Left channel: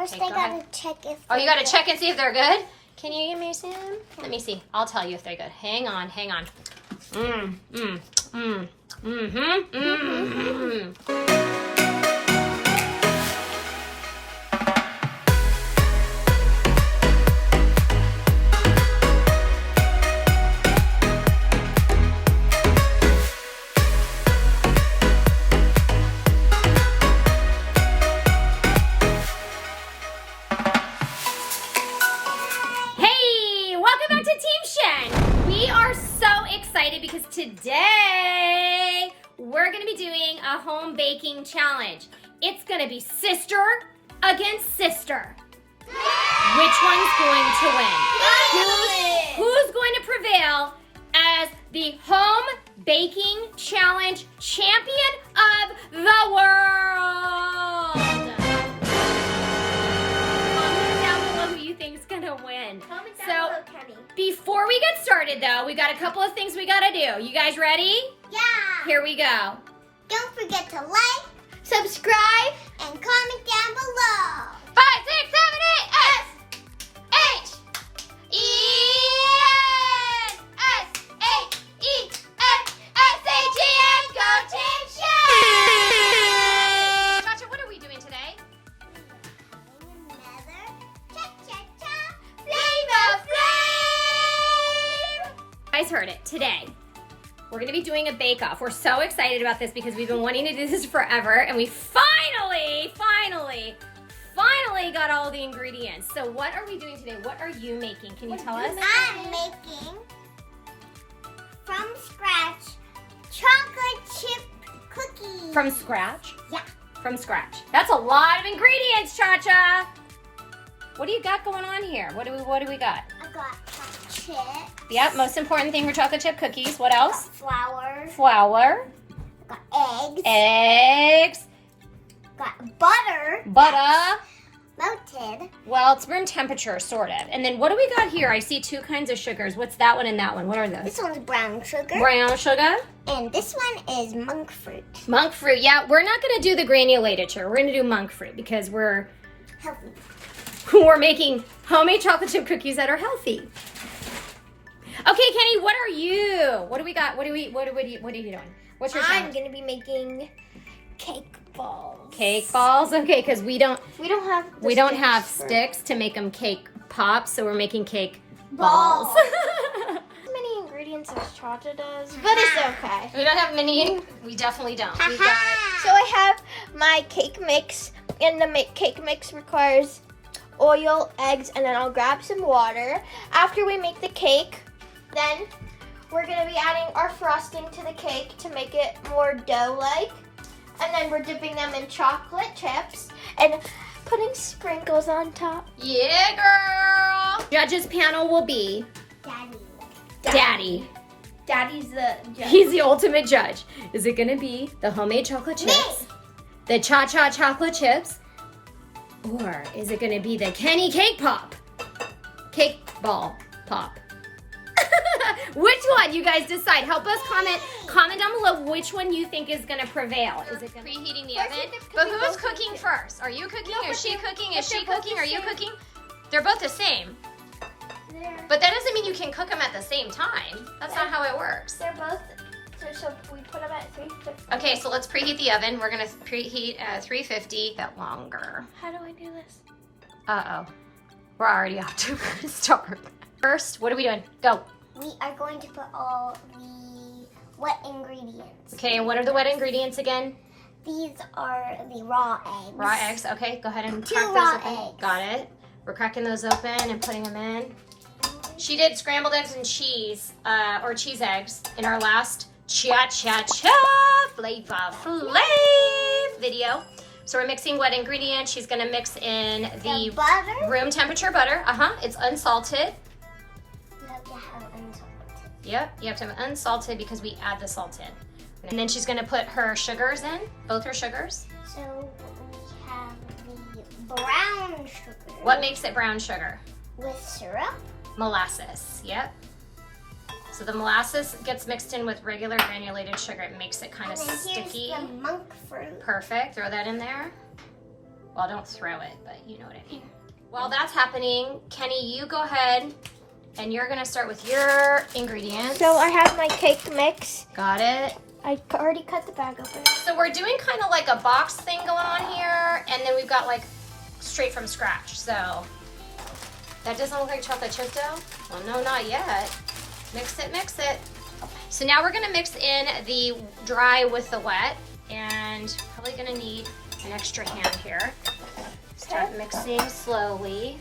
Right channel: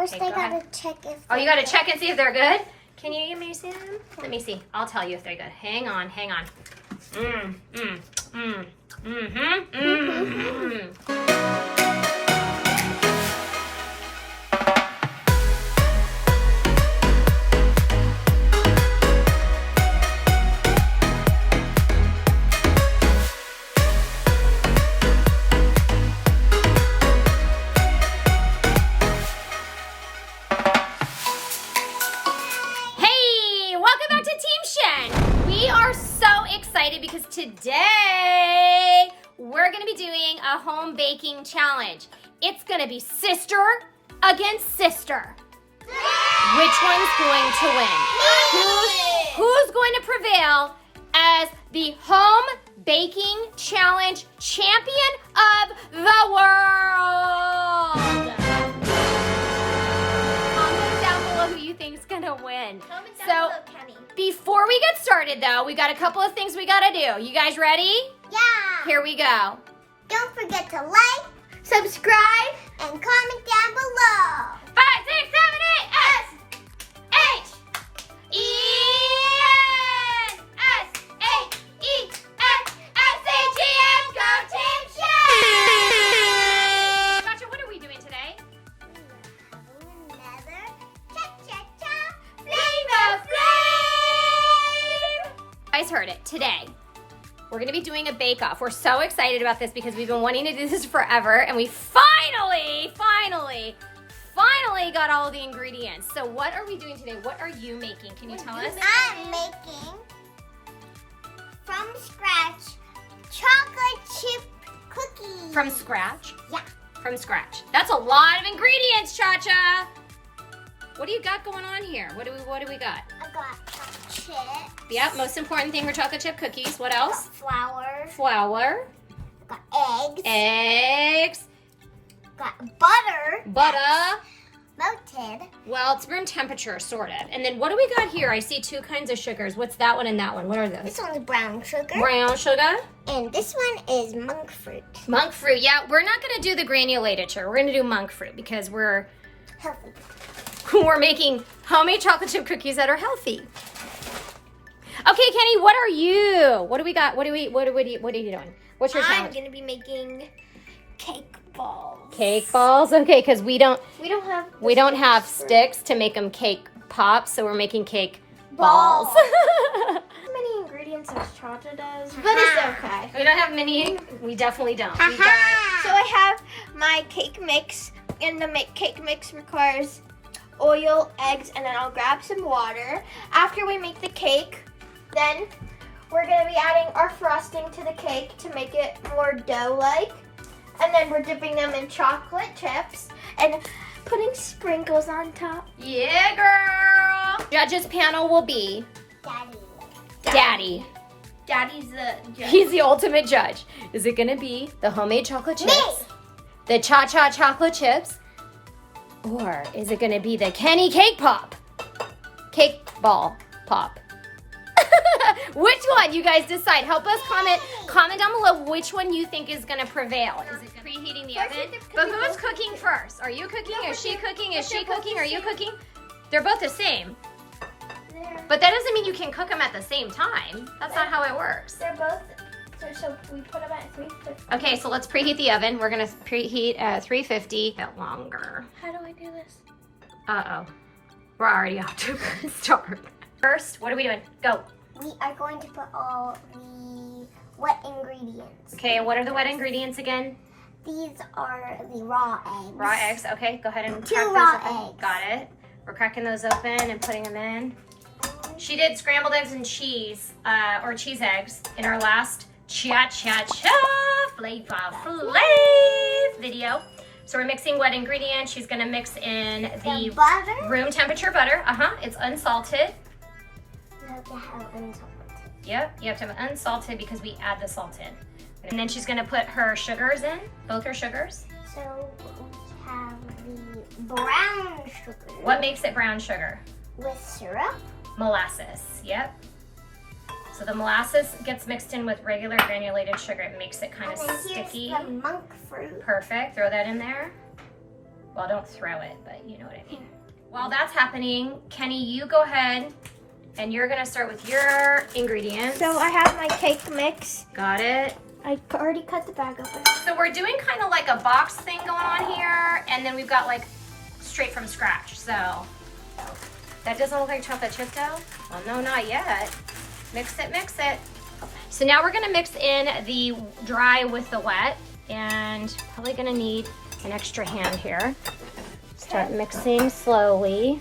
First, Okay, I gotta check if. Oh, you gotta check and see if they're good? Can you give me some? Let me see. I'll tell you if they're good. Hang on, hang on. Because today we're going to be doing a home baking challenge. It's going to be sister against sister. Which one's going to win? Who's going to prevail as the home baking challenge champion of the world? Comment down below who you think is going to win. Comment down below, Kenny. Before we get started, though, we got a couple of things we gotta do. You guys ready? Yeah. Here we go. Don't forget to like, subscribe, and comment down below. 5, 6, 7, 8, S, H, E, N, S, H, E, N, S, H, E, N, go Team Shen! Gotcha, what are we doing today? We are having another ChaCha Flavor Flame! You guys heard it. Today, we're going to be doing a bake-off. We're so excited about this because we've been wanting to do this forever, and we finally got all of the ingredients. So what are we doing today? What are you making? Can you tell us? I'm making, from scratch, chocolate chip cookies. From scratch? Yeah. From scratch. That's a lot of ingredients, ChaCha. What do you got going on here? What do we got? I got chocolate chip. Yep, most important thing for chocolate chip cookies. What I else? got flour. Flour. I got eggs. Eggs. Got butter. Butter. Melted. Well, it's room temperature, sort of. And then what do we got here? I see 2 kinds of sugars. What's that one and that one? What are those? This one's brown sugar. Brown sugar. And this one is monk fruit. Monk fruit. Yeah, we're not going to do the granulated sugar. We're going to do monk fruit because we're making homemade chocolate chip cookies that are healthy. Okay, Kenny, what are you? What do we got? What are you doing? What's your challenge? I'm gonna be making cake balls. Cake balls? Okay, because we don't have sticks to make them cake pops, so we're making cake balls. How many ingredients as ChaCha does, but it's okay. We don't have many. We definitely don't. We got. So I have my cake mix, and the cake mix requires oil, eggs, and then I'll grab some water. After we make the cake, then we're gonna be adding our frosting to the cake to make it more dough-like. And then we're dipping them in chocolate chips and putting sprinkles on top. Yeah, girl. Judges panel will be Daddy. Daddy's the judge. He's the ultimate judge. Is it gonna be the homemade chocolate chips? The ChaCha chocolate chips? Or is it gonna be the Kenny cake pop? Cake ball pop. Which one? You guys decide. Help us comment down below which one you think is gonna prevail. Is it preheating the oven? But who's cooking first? Are you cooking? Is she cooking? Is she cooking? Are you cooking? They're both the same. But that doesn't mean you can cook them at the same time. That's not how it works. They're both, so we put them at 350. Okay, so let's preheat the oven. We're gonna preheat at 350. That longer. How do we do this? Uh-oh. We're already off to a start. First, what are we doing? Go. We are going to put all the wet ingredients. Okay, and what are the wet ingredients again? These are the raw eggs. Raw eggs. Okay, go ahead and 2 crack raw those open. eggs. Got it. We're cracking those open and putting them in. She did scrambled eggs and cheese, or cheese eggs, in our last ChaCha Flavor Flav video. So we're mixing wet ingredients. She's gonna mix in the butter. Room temperature butter. It's unsalted. You have to have unsalted. Yep, you have to have it unsalted because we add the salt in. And then she's gonna put her sugars in, both her sugars. So we have the brown sugar. What makes it brown sugar? With syrup. Molasses, yep. So the molasses gets mixed in with regular granulated sugar. It makes it kind of And then sticky. here's the monk fruit. Perfect, throw that in there. Well, don't throw it, but you know what I mean. While that's happening, Kenny, you go ahead and you're gonna start with your ingredients. So I have my cake mix. Got it. I already cut the bag open. So we're doing kind of like a box thing going on here, and then we've got like straight from scratch. So that doesn't look like chocolate chip dough. Well, no, not yet. Mix it, mix it. So now we're gonna mix in the dry with the wet, and probably gonna need an extra hand here. Start mixing slowly.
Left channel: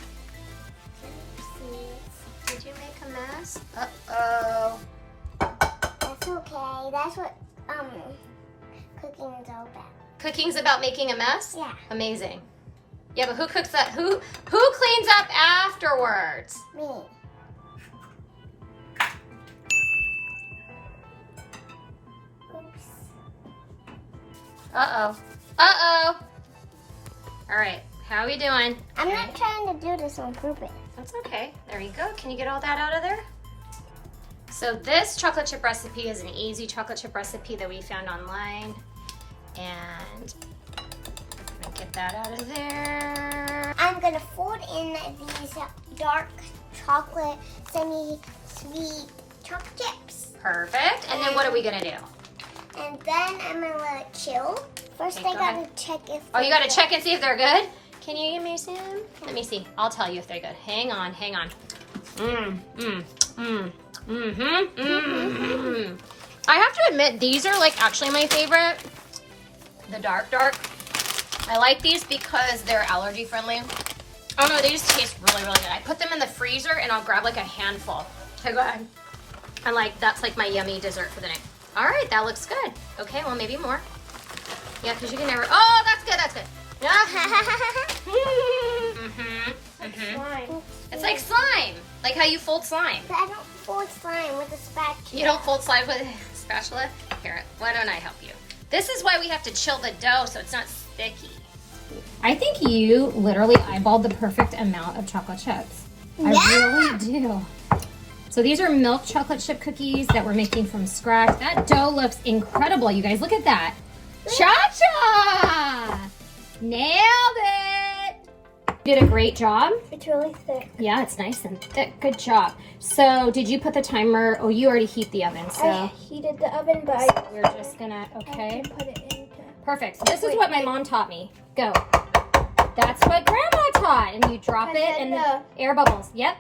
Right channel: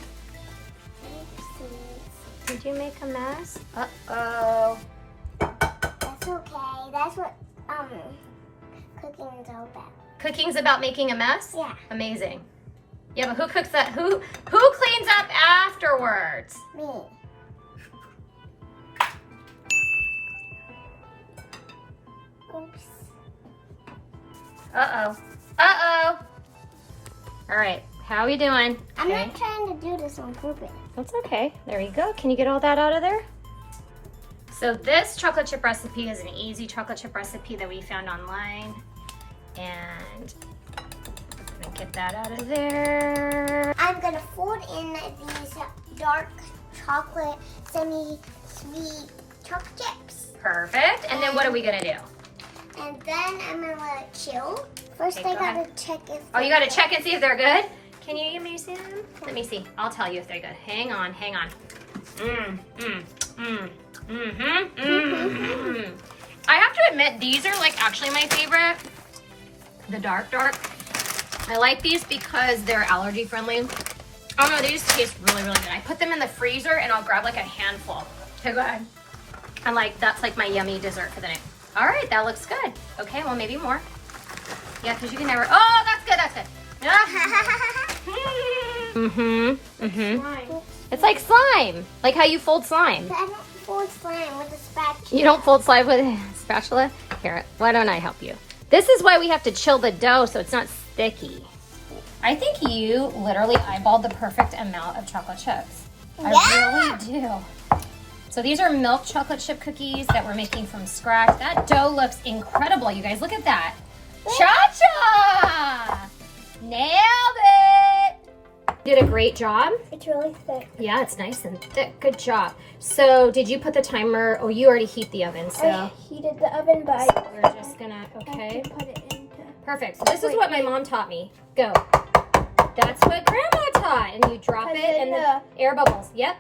Did you make a mess? Uh-oh. That's okay. That's what cooking is all about. Cooking's about making a mess? Yeah. Amazing. Yeah, but who cooks that? Who cleans up afterwards? Me. Oops. Uh-oh. Uh-oh. All right, how are we doing? I'm not trying to do this on purpose. That's okay. There you go. Can you get all that out of there? So this chocolate chip recipe is an easy chocolate chip recipe that we found online. And I'm gonna get that out of there. I'm gonna fold in these dark chocolate, semi-sweet chocolate chips. Perfect. And then what are we gonna do? And then I'm gonna let it chill. First, Okay, I go gotta ahead. check if. Oh, you they're gotta check and see if they're good? Can you give me some? Let me see. I'll tell you if they're good. Hang on, hang on. I have to admit, these are like actually my favorite. The dark. I like these because they're allergy friendly. Oh no, they just taste really, really good. I put them in the freezer and I'll grab like a handful. Okay, go ahead. I'm like, that's like my yummy dessert for the night. All right, that looks good. Okay, well maybe more. Yeah, because you can never, oh, that's good, that's good. It's like slime, like how you fold slime. But I don't fold slime with a spatula. You don't fold slime with a spatula? Here, why don't I help you? This is why we have to chill the dough so it's not sticky. I think you literally eyeballed the perfect amount of chocolate chips. I really do. So these are milk chocolate chip cookies that we're making from scratch. That dough looks incredible, you guys. Look at that. ChaCha! Nailed it! Did a great job. It's really thick. Yeah, it's nice and thick. Good job. So did you put the timer? Oh, you already heat the oven, so. I heated the oven, but We're just gonna, okay. put it in. Perfect. So this is what my mom taught me. Go. That's what Grandma taught. And you drop it and the air bubbles. Yep.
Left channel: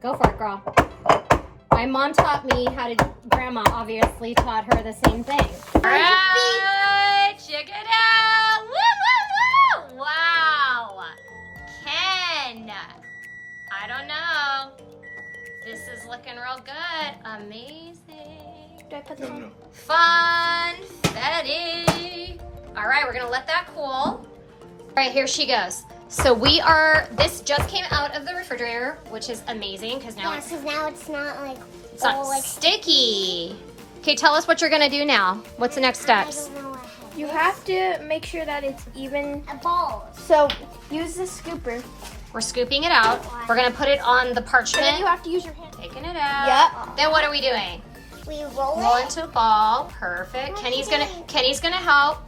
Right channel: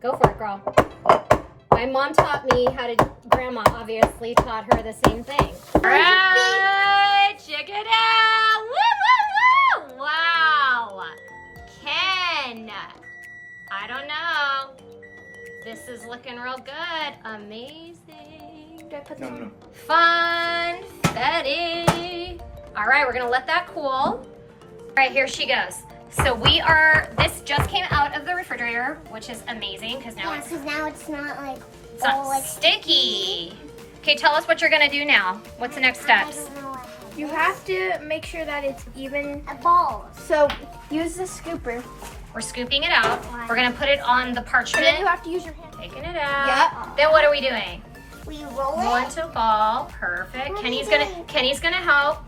Go for it, girl. My mom taught me how to, Grandma obviously taught her the same thing. All right, check it out. Woo, woo, woo. Wow. Ken, I don't know. This is looking real good. Amazing. Do I put them? Funfetti. All right, we're gonna let that cool. All right, here she goes. So this just came out of the refrigerator, which is amazing because now Yeah, because now it's not like it's not all like sticky. Okay, tell us what you're gonna do now. What's the next I steps? don't know what You it have to make sure that it's even. is. A ball. So use the scooper, We're scooping it out. We're gonna put it on the and then you parchment. have to use your hand. Taking it out. Yep. Then what are we doing? We roll Roll it. into a ball. Perfect. What are Kenny's you gonna doing? help.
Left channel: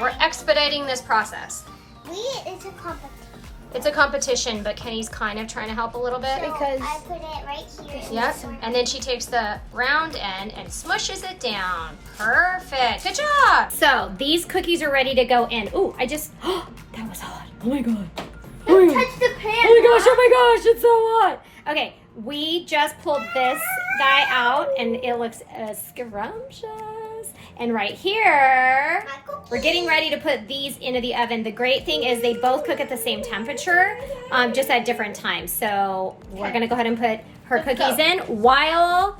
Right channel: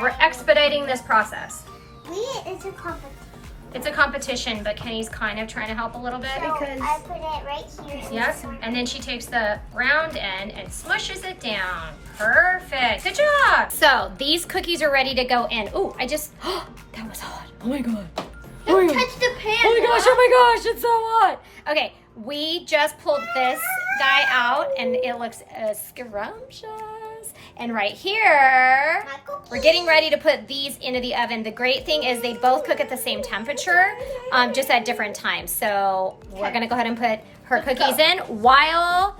We're expediting this process. It's a competition. It's a competition, but Kenny's kind of trying to help a little bit. So Because- I put it right here. Yep, and then she takes the round end and smushes it down. Perfect, good job. So these cookies are ready to go in. Ooh, that was hot. Oh my God. Don't touch the pan. Oh my gosh, it's so hot. Okay, we just pulled this guy out and it looks scrumptious. And right here, we're getting ready to put these into the oven. The great thing is they both cook at the same temperature, just at different times. So we're gonna go ahead and put her cookies in while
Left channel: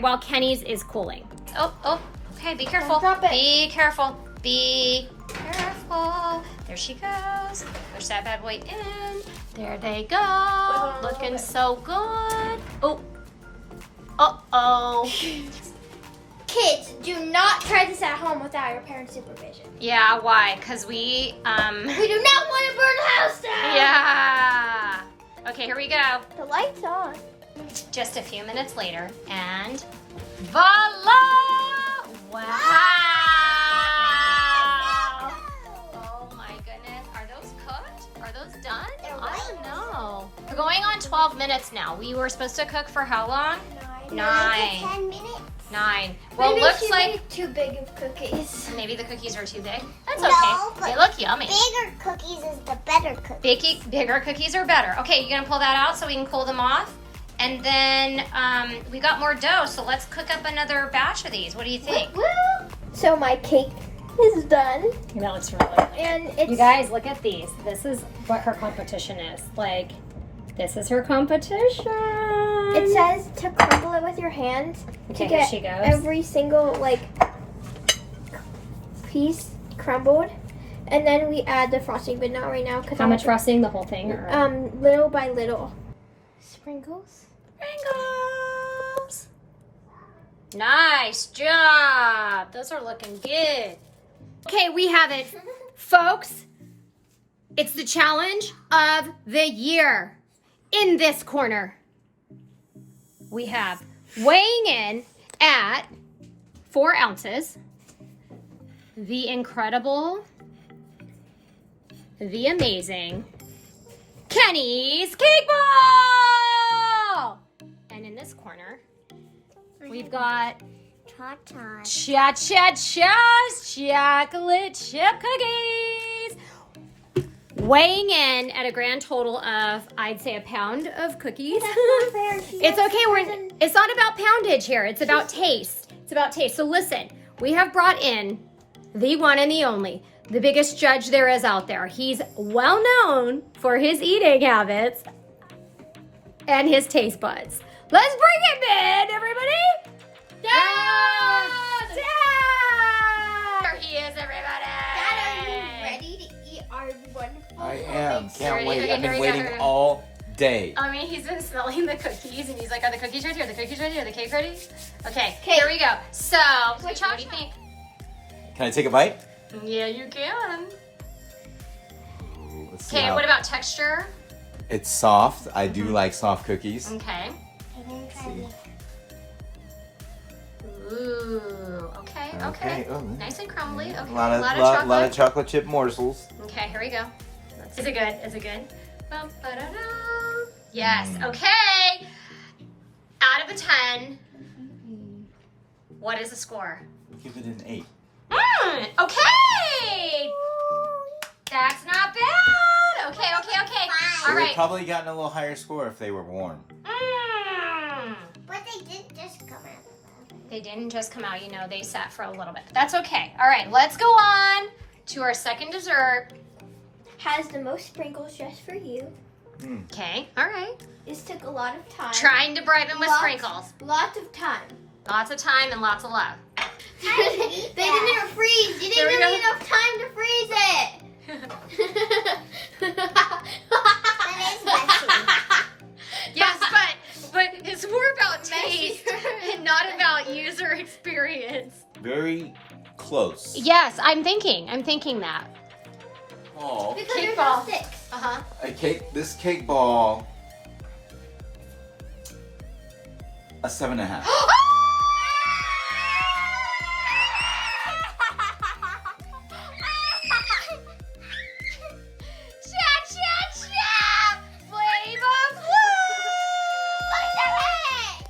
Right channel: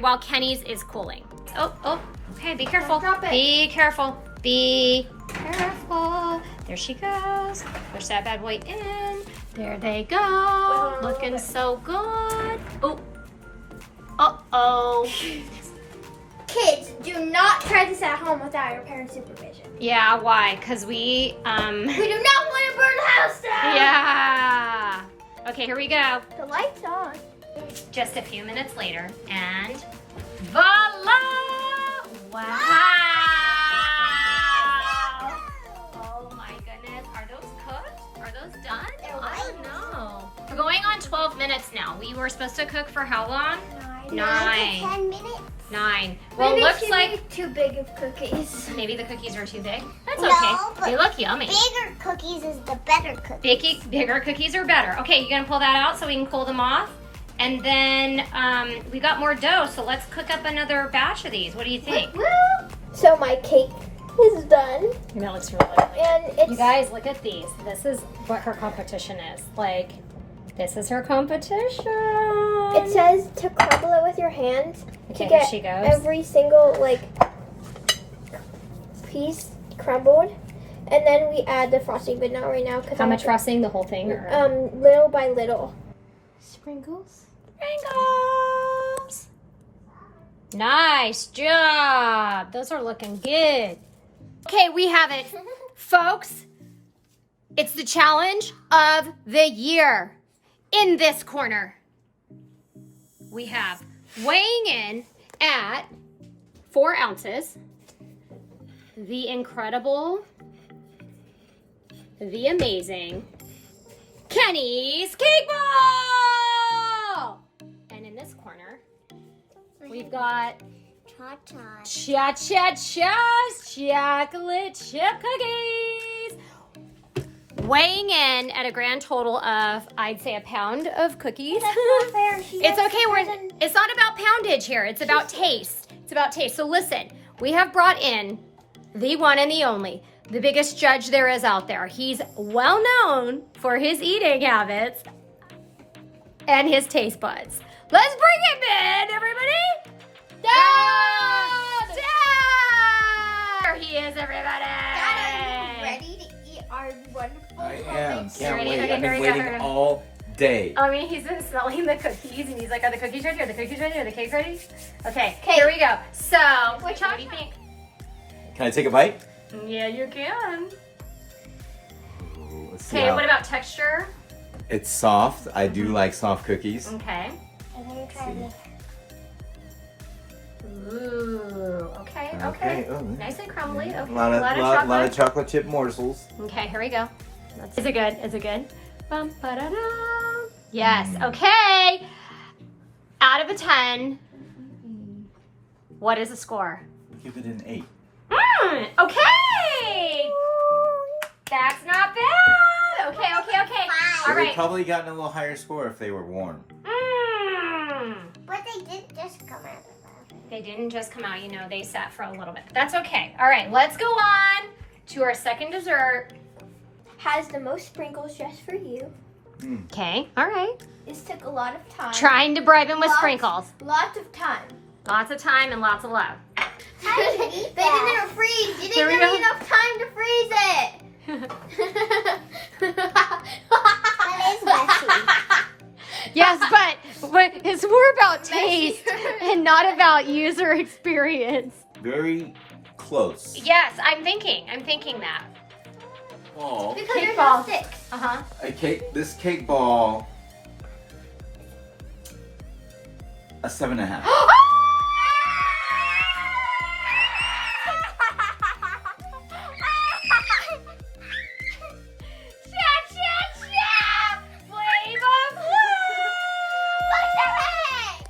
while Kenny's is cooling. Oh, okay, be careful. Drop it. Be careful. Be careful. There she goes. Push that bad boy in. There they go. Looking so good. Oh. Uh-oh. Kids, do not try this at home without your parents' supervision. Yeah, why? Because we, We do not want to burn the house down. yeah. Okay, here we go. The light's on. Just a few minutes later, and voila! Wow! going on 12 minutes now. We were supposed to cook for how long? 9 9. to 10 minutes. 9. Well, Maybe looks she like made too big of cookies. maybe the cookies are too big. That's No, okay. but They look yummy. Bigger cookies is the better cookies. Bigger cookies are better. Okay, you gonna pull that out so we can cool them off? And then we got more dough, so let's cook up another batch of these. What do you think? So my cake is done, That looks really good. and it's You guys, look at these. This is what her competition is. Like, this is her competition. It says to crumble it with your hands. Okay, to here get she goes. every single piece crumbled, and then we add the frosting, but not right now because How much frosting? The whole thing? Or? Little by little. Sprinkles. Sprinkles. Nice job. Those are looking good. Okay, we have it, folks. It's the challenge of the year. In this corner, we have weighing in at 4 ounces, the incredible, the amazing Kenny's Cake Ball! And in this corner, we've got ChaCha's chocolate chip cookies. Weighing in at a grand total of, I'd say, a pound of cookies. It's okay. It's not about poundage here. It's about taste. It's about taste. So listen, we have brought in the one and the only, the biggest judge there is out there. He's well known for his eating habits and his taste buds. Let's bring him in, everybody. Dad! There he is, everybody. Dad, are you ready to eat our wonderful? I am. Can't Ready? wait. Okay, I've here been we go, waiting here we go. all day. I mean, he's been smelling the cookies, and he's like, are the cookies ready? Are the cookies ready? Are the cakes ready? Okay, here we go. So, what do you think? Can I take a bite? Yeah, you can. Ooh, let's see Okay, how- what about texture? It's soft. I do like soft cookies. Okay. I'm gonna try this. Ooh, okay. Oh. Nice and crumbly. Okay, A lot of, chocolate. lot of chocolate chip morsels. Okay, here we go. Is it good? Is it good? Bum, ba-da-da. Yes, Mm. okay. Out of a 10, what is the score? Give it an 8. Okay. That's not bad. Okay. All They would right. probably gotten a little higher score if they were warm. But they did just come out of the oven. They didn't just come out, they sat for a little bit. That's okay. All right, let's go on to our second dessert. Has the most sprinkles just for you. Okay, all right. This took a lot of time. Trying to bribe him with Lots- sprinkles. Lots of time. Lots of time and lots of love. They didn't even freeze. You Here didn't we give go. me enough time to freeze it. That is messy. Yes, but it's more about taste Messier. and not about user experience. Very close. Yes, I'm thinking that. Oh. Because Cake there's ball. no sticks. Uh-huh. This cake ball, a 7.5. Cha-cha-cha! Flavor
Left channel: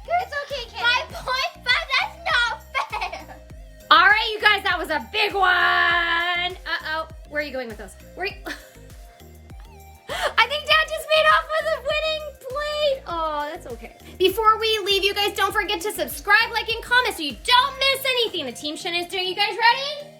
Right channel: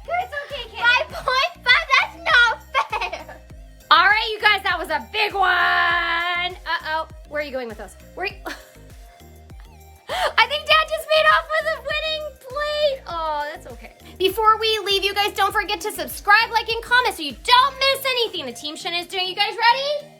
It's okay, Kenny. 5.5. That's not fair. All right, you guys, that was a big one. Uh-oh. Where are you going with those? I think Dad just made off with a winning plate. Oh, that's okay. Before we leave, you guys, don't forget to subscribe, like, and comment so you don't miss anything the Team Shen is doing. You guys ready?